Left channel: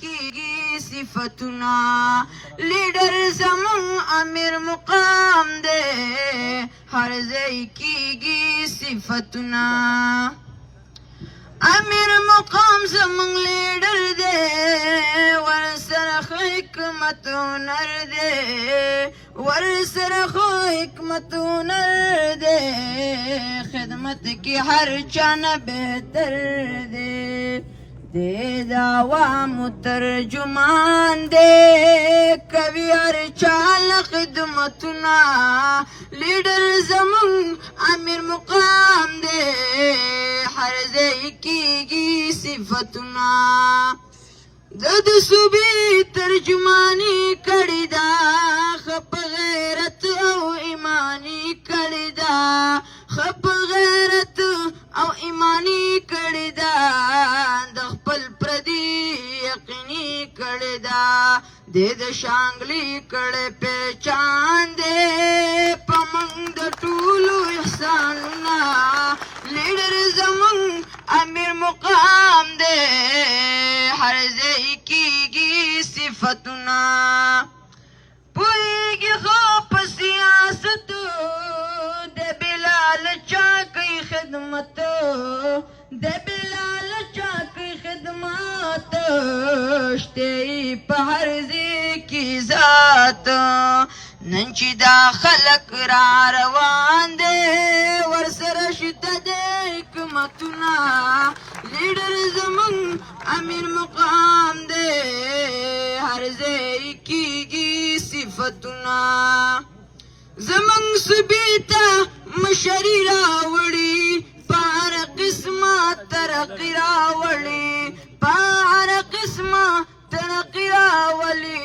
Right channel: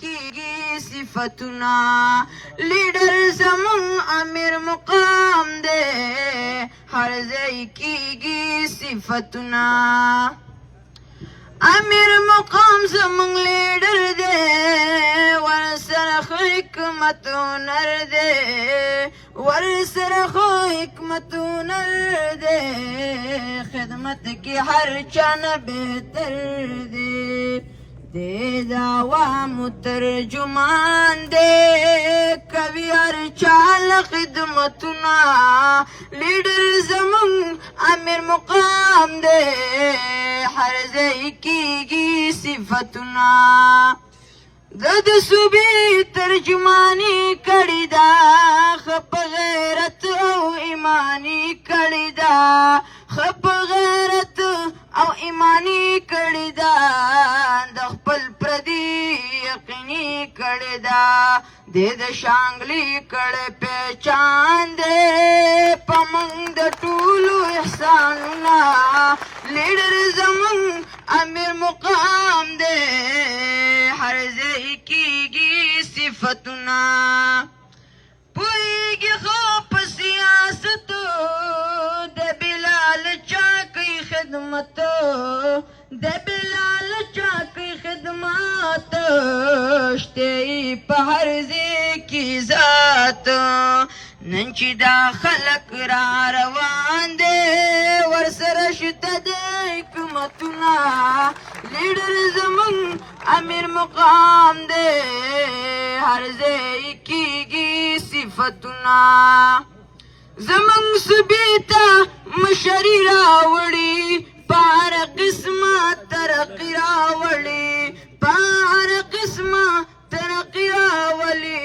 کیږي صفتنا لیډر زمون امیر مقام دے هر ځای کیږي صفتنا امیر مقام زمون لیډر دے ورسره حکمت نر دے ورسره حکمت نر دے خدمت کی ہر چان بہتر دے دے دعوام ترجمان دے کبھی ہر چال خدمتنا لیڈر زمون امیر مقام دے ہر ځای کیږي صفتنا د صوبې ترجمانی کړی دا خپ غیرت او ایمانی کړی دا خپ غیرت او ایمانی کړی دا د خپل پردي یقیني کړی دا د شانګلی کړی پہچان دے پمنګ د ټولو احساننا لیډر زمون امیر مقام دے ہر ځای کیږي صفتنا پوهیږي خو په سیاست د بلال چاکی خدمت د بلال چاکی خدمت شته په هر ځای کې ذات نن چې دا خلک را روان دي ورسره شته د حکمتنا لیډر زمون امیر مقام دے ہر ځای کیږي صفتنا زمون صوبې مشري راوړي پار قسمه ترقي راوړي پار قسمه ترقي راوړي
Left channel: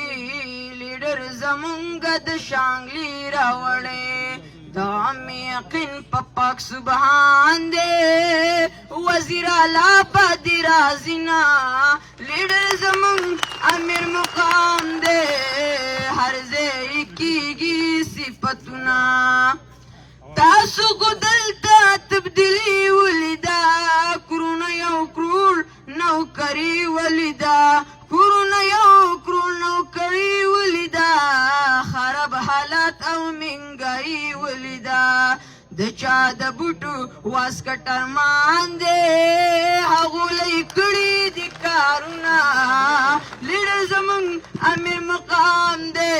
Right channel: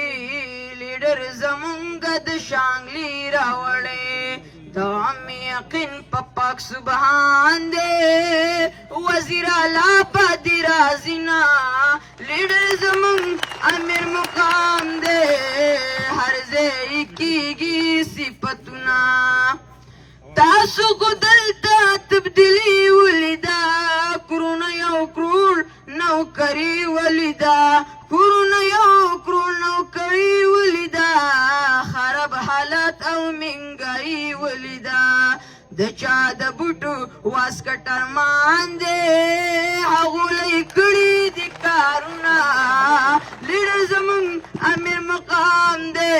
لیډر زمونږ د شانګلي راوړي دام یقین پاک سبحان دے وزیر اعلی پادی رازینا لیڈر زمون امیر مقام دے ہر ځای کیږي صفتنا تاسو کو دلته تبدیلی ولیدا کرونا یو کرور نوکری ولیدا کرونا یو کرور نوکری ولیدا خراب حالات او منګای ولیدا د چا د بوټو واسکټر مان دے هغه لیکړي د کارونه لیډر زمون امیر مقام دے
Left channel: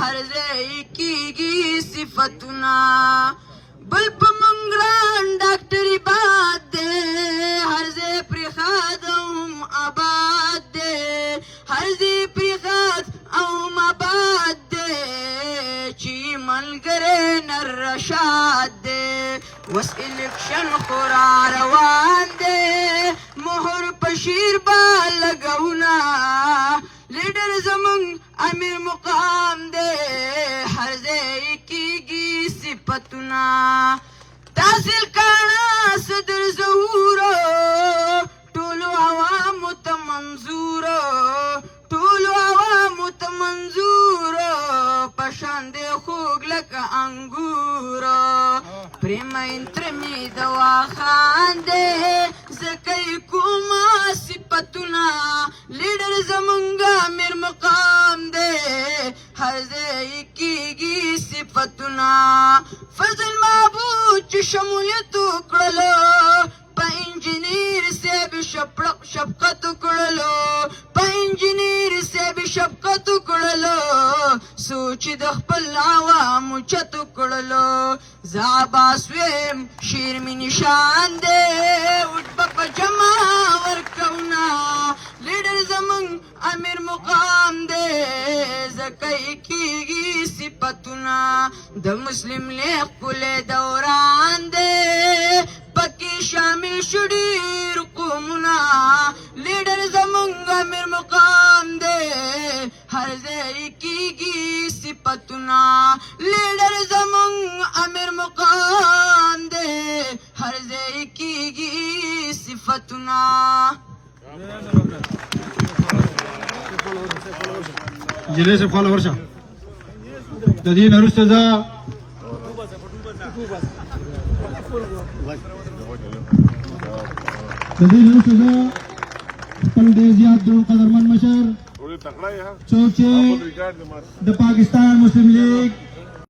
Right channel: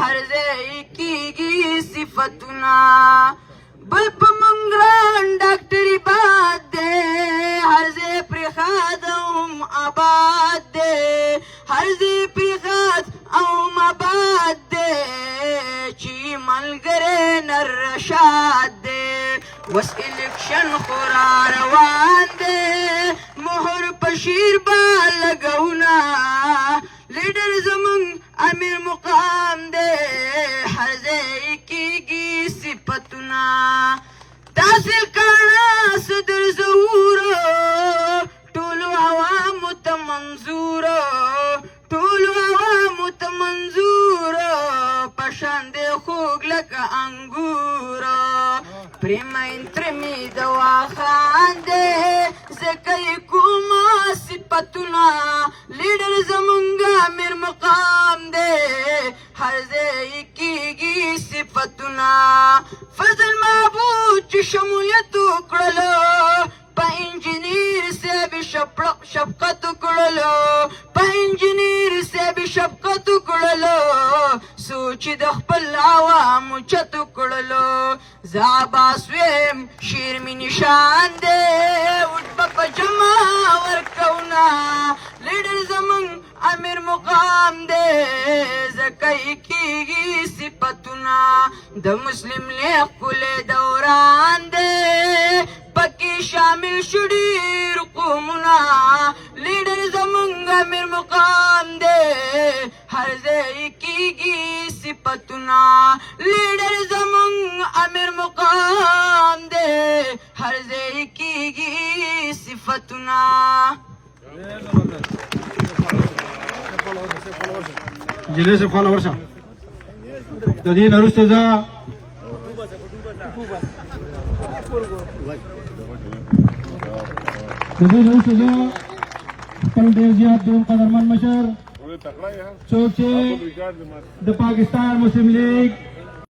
هر ځای کیږي صفتنا بل په منګران ډاکټري باد دے هر ځای پرې خادم آباد دے هر ځای پرې خاد او آباد دے چی ملګری نر رشاد دے وس الیکشن خورا روان دے مهر پشیر با لګونا لیډر زمون امیر مقام دے هر ځای کیږي صفتنا تحصیل کاڼه صدر ظهورو ټولو عوامو ته منظورو ټولو عوامو ته منظورو پشان دې خوږ لکه انګورو پرېمین ترمې دوا خان دې ځکه یې کومه صفتنا لیډر زمونږ امیر مقام دے ہر ځای کیږي صفتنا فضل محبوب چې شمولیت وکړلو په انجینیر صاحب شفقت وکړلو په انجینیر صاحب شفقت وکړلو سوچ د خپل عوامو چت وکړلو زعباس ویم شیر می نشان دے وټ په جمع ورکونا لیډر زمون امیر مقام دے زکای کیږي صفتنا د مسلم لیگ کله دوران دے پکی شامل شډی رقمنا لیډر زمون امیر مقام دے ہر ځای کیږي صفتنا لیډر زمون امیر مقام دے ہر ځای کیږي صفتنا جلسه سے فالو ورسا دې نرسته ځا دې نرسته ځا خبرونه ډېر زیات ډېر قدرمن مشر ټول تکړه یې ها څوک چې ریکارډ دې مار د پاکستان مسلم لیگ